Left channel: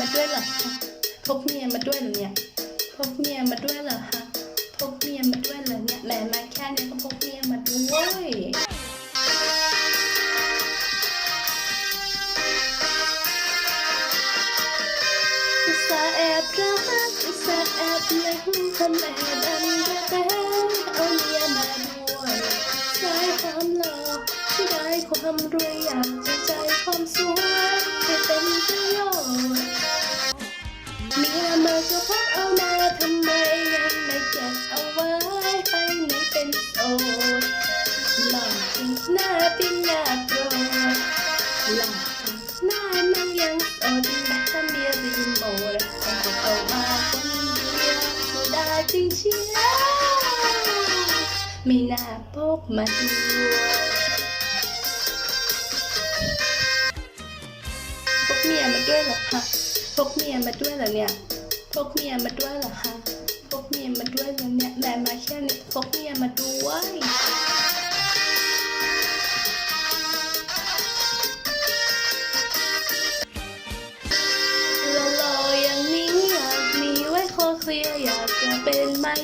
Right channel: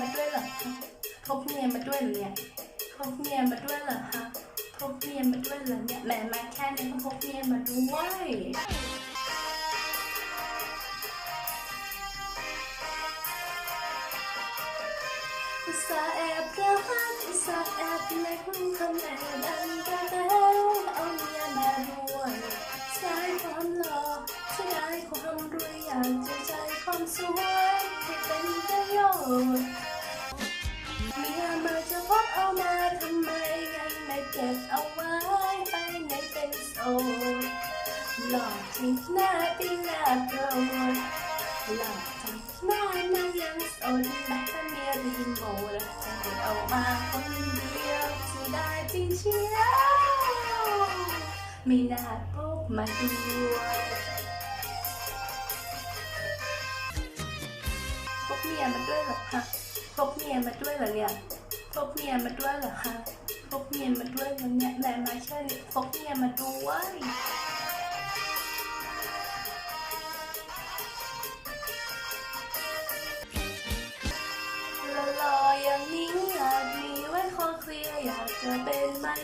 มาด้วยเหรอฮะพกเมียมาด้วยเหรอเนี่ยพกเมียมาด้วยเหรอฮะพกเมียมาด้วยเหรอเนี่ยแหมมาแค่นี้ก็พกเมียมาด้วยอุตส่าห์แอบรักอุตส่าห์แอบเล่นคนแอบอันกระเตเอาเมีย หน้าปิ้งหน้าโกรธหลังหน้านั่งยังสดแบบเมียรีโมทต้องเอามาคนเดียวสียดาจริงเชียวไม่น่าพกมาด้วยพกเมียมาด้วยเหรอคะพกเมียมาด้วยเหรอเนี่ยพกเมียมาด้วยเหรอคะพกเมียมาด้วยเหรอเนี่ยแม่มาแค่นี้พกเมียมาด้วย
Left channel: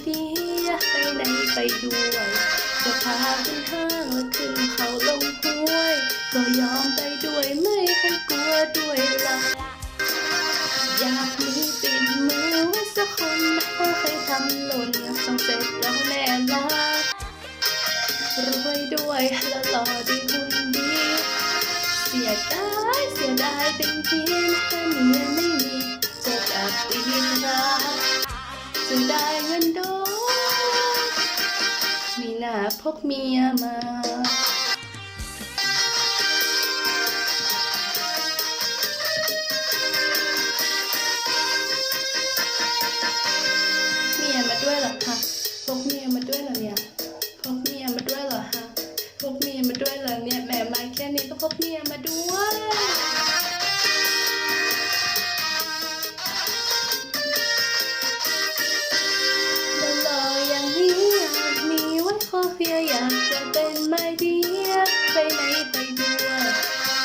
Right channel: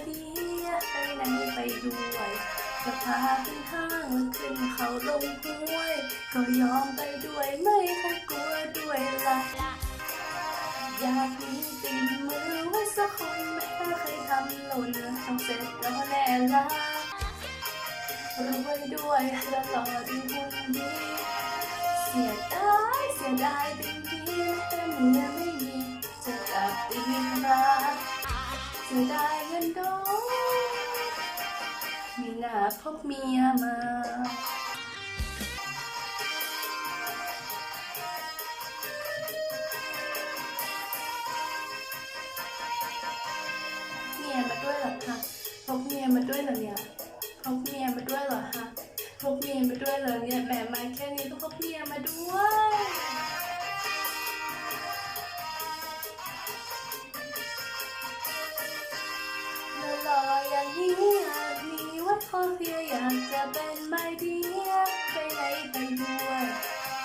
เป็นไม้ดีไปไหนไปด้วยจะพาขึ้นห้างแล้วขึ้นเขาลงห้วย ก็ยอมไปด้วยไม่เคยกลัวด้วยละอยากมีปิดมือไว้สักคนไม่เคยทำหล่นต้องเสร็จแล้วแน่ละรวยด้วยและหล่อดีหุ่นดีเสียดายเสียดายเป็นทีถ้าเมียไม่มีจะจับตีรักจะได้เงินด หน้าพกเมียมาเมียมาด้วยหรอคะพกเมียมาด้วยหรอเนี่ย ไปไหนไปด้วย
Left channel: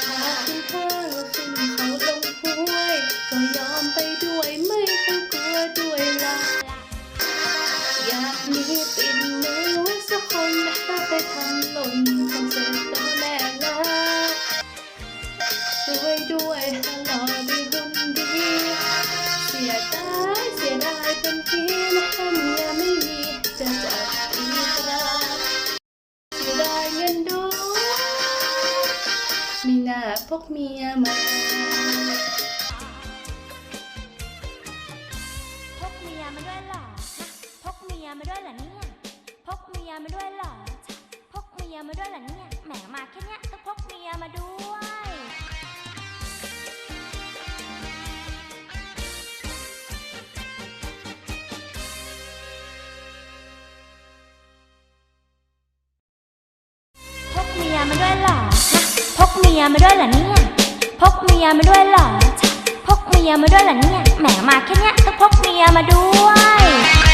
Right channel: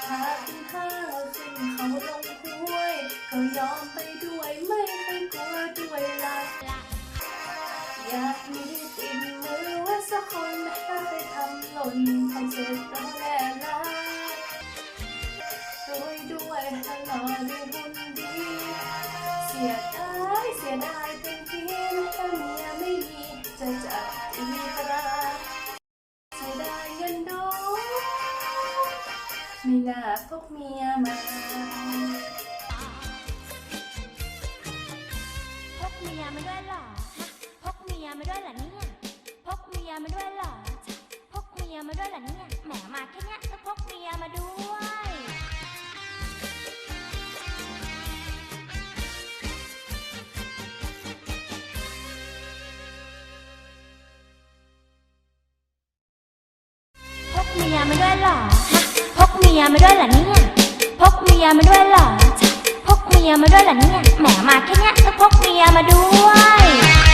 พาขึ้นห้างขึ้นเขาลงห้วย ก็ยอมไปด้วยไม่เคยกลัวด้วยละอยากมีปิดมือไว้สักคนถ้าไปทำหล่นทำเสร็จแล้วแน่ละช่วยด้วยตลอดดีหุ่นดีเสียดา มีน้าพกเมียมาพกเมียมาด้วยเหรอฮะพกเมียมาด้วยเหรอเนี่ยพกเมียมาด้วยเหรอจ๊ะพกเมียมาด้วยเหรอเนี่ยแหมมาแค่เนี้ยก็พกเมียมาด้วย พกเมียมาด้วยเหรอฮะ เมียมาด้วยเหรอเนี่ยพกเมียมาด้วยเหรอพกเมียมาด้วยเหรอเนี่ยแหมมาแค่เนี้ยก็พกเมียมาด้วย